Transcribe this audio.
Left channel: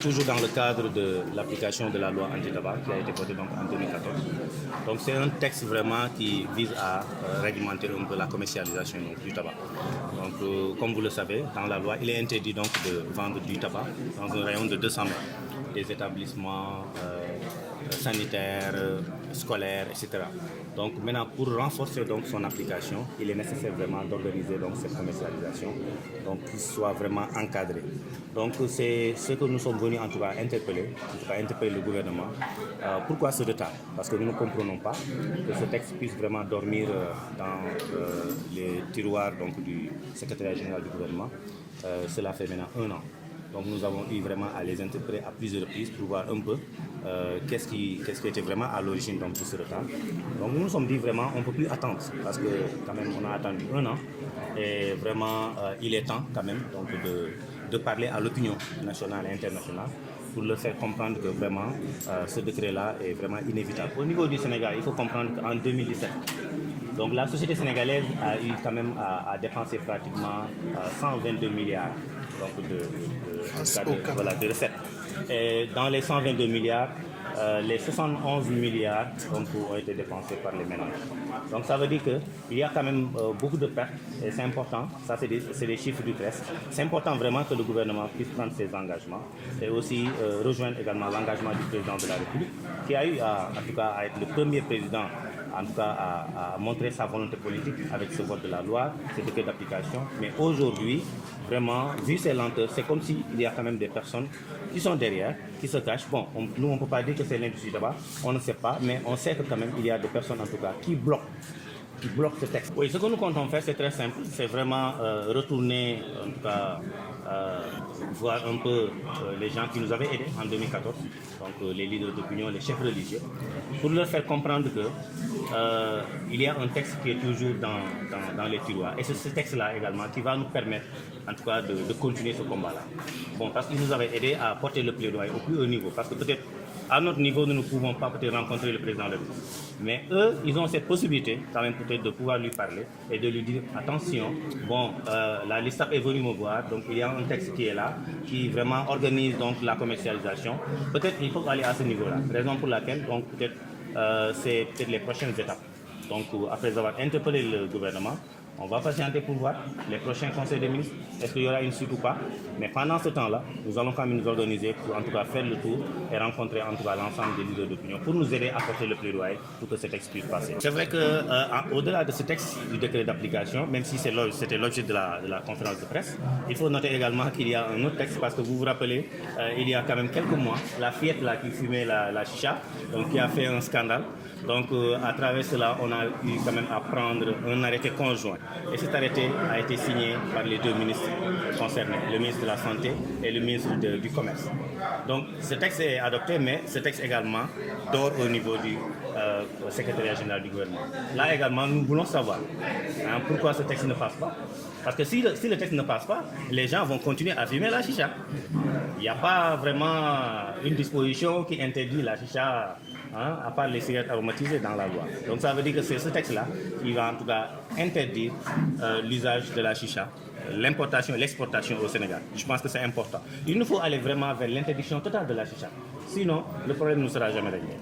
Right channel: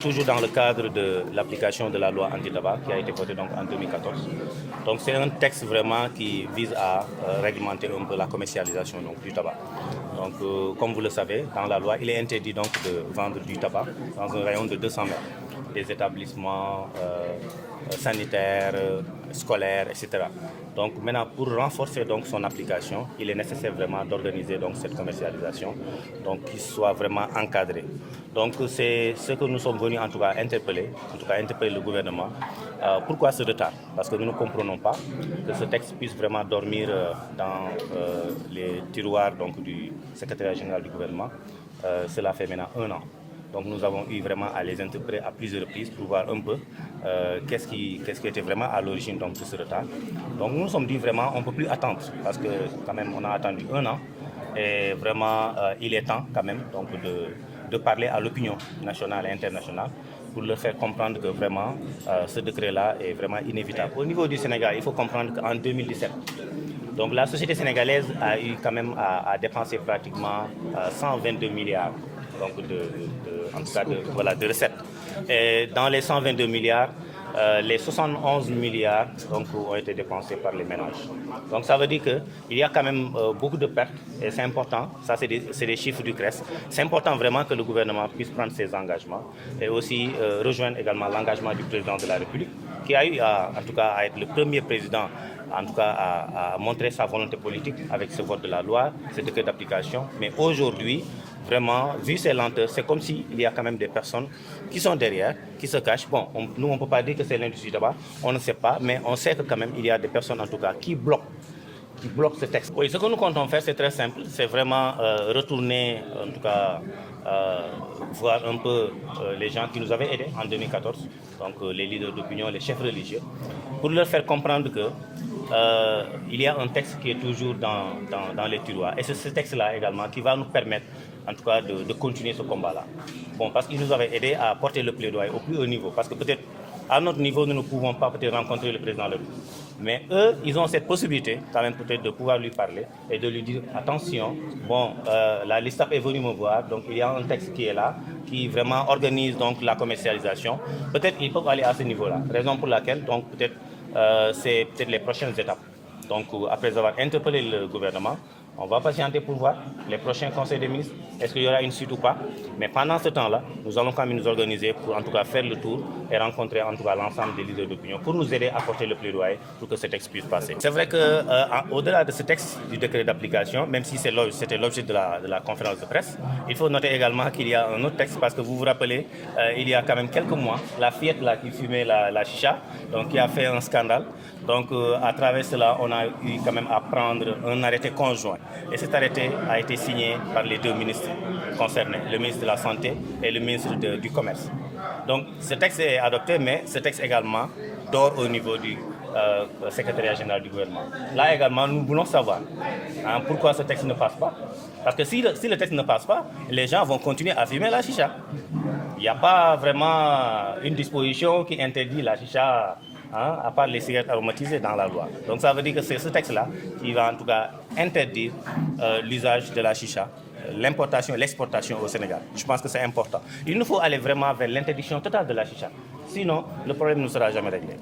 Toujours dans le cadre de l'application de la loi anti-tabac qui a été votée donc en 2014. Donc c'est un texte vraiment qui vise à réglementer un peu la commercialisation donc, du tabac. Donc comme vous le savez, dans la loi, il est interdit donc de vendre du tabac dans un rayon de 200 mètres des établissements sanitaires, scolaires, etc. Donc maintenant, pour renforcer donc son application, il est nécessaire vraiment d'organiser donc cette commercialisation, donc qu'il soit vraiment encadré. Donc c'est ce que nous sommes venus en tout cas interpeller le gouvernement. Pourquoi ce retard? Parce que nous ne comprenons pas que ce texte puisse vraiment dormir dans les tiroirs donc, du secrétariat général du gouvernement. Cela fait maintenant 1 an. Donc nous avons eu vraiment à les interpeller à plusieurs reprises pour voir un peu qu'est-ce qui était vraiment à l'origine de ce retard. Donc nous nous sommes dit vraiment on ne peut plus attendre parce que quand même on a attendu 1 an et vraiment il est temps quand même donc, de parler à l'opinion nationale et internationale pour leur faire comprendre que vraiment ce décret-là est vraiment inévitable. Au niveau du Sénégal, il faut comprendre qu'en 2017, donc la société sénégalaise a eu quand même à dépenser pratiquement 122 milliards donc de recettes. Et dans les 122 milliards, les 71 milliards donc, ont été dépensés par les ménages. Donc ça veut dire qu'il y a quand même beaucoup de pertes et c'est important, ça c'est des chiffres du CRES. C'est important vraiment que le gouvernement puisse prendre ses engagements et aussi rejoindre également l'engagement du président de la République qui a eu en tout cas à être le premier président en tout cas à montrer sa volonté politique avec ce vote de la loi, ce décret d'application. Mais aujourd'hui, vraiment, vu ces lenteurs, c'est comme s'il y a quand même des personnes qui sont derrière, qui se cachent. Bon, nous, on ne peut pas dire que c'est l'industrie tabac, on ne sait pas, mais on sait que quand même, il y a des personnes en tout cas qui bloquent ce texte. Oui, ce que nous comptons faire, c'est très simple, c'est vraiment retourner, en tout cas, voir un peu les gens qui nous avaient aidés en 2014, donc les leaders d'opinion, les chefs religieux, pour leur faire comprendre que il y a un texte qui est toujours dans les tiroirs. Et c'est ce texte-là également qui va nous permettre, en tout cas, de continuer ce combat-là. Bon, parce qu'ils nous avaient aidés à porter le plaidoyer au plus haut niveau, parce que peut-être à notre niveau, nous ne pouvons pas peut-être rencontrer le président de la République. Mais eux, ils ont cette possibilité quand même peut-être de pouvoir lui parler et de lui dire attention, bon, la LISTAB est venue me voir, donc il y a un texte qui est là, qui vraiment organise donc la commercialisation. Peut-être ils peuvent aller à ce niveau-là, raison pour laquelle donc peut-être c'est peut-être les prochaines étapes. Donc après avoir interpellé le gouvernement, on va patienter pour voir les prochains conseils des ministres, est-ce qu'il y aura une suite ou pas. Mais pendant ce temps-là, nous allons quand même nous organiser pour en tout cas faire le tour et rencontrer en tout cas l'ensemble des leaders d'opinion pour nous aider à porter le plaidoyer pour que ce texte puisse passer. C'est vrai qu'au-delà de ce texte du décret d'application, même si c'était l'objet de la conférence de presse, il faut noter également qu'il y a un autre texte parce que vous vous rappelez, il y a quand même quelques mois, la fillette là, qui fumait la chicha, donc qui a fait un scandale. Donc à travers cela, on a eu quand même à prendre un arrêté conjoint. Et cet arrêté a été signé par les 2 ministres concernés, le ministre de la Santé et le ministre du Commerce. Donc ce texte est adopté, mais ce texte également dort au niveau du secrétariat général du gouvernement. Là également, nous voulons savoir pourquoi ce texte ne passe pas. Parce que si le texte ne passe pas, les gens vont continuer à fumer la chicha. Il n'y a pas vraiment une disposition qui interdit la chicha à part les cigarettes aromatisées dans la loi. Donc ça veut dire que c'est ce texte-là qui va en tout cas interdire l'usage de la chicha, l'importation et l'exportation au Sénégal. Je pense que c'est important. Il nous faut aller vraiment vers l'interdiction totale de la chicha. Sinon, le problème ne sera jamais réglé.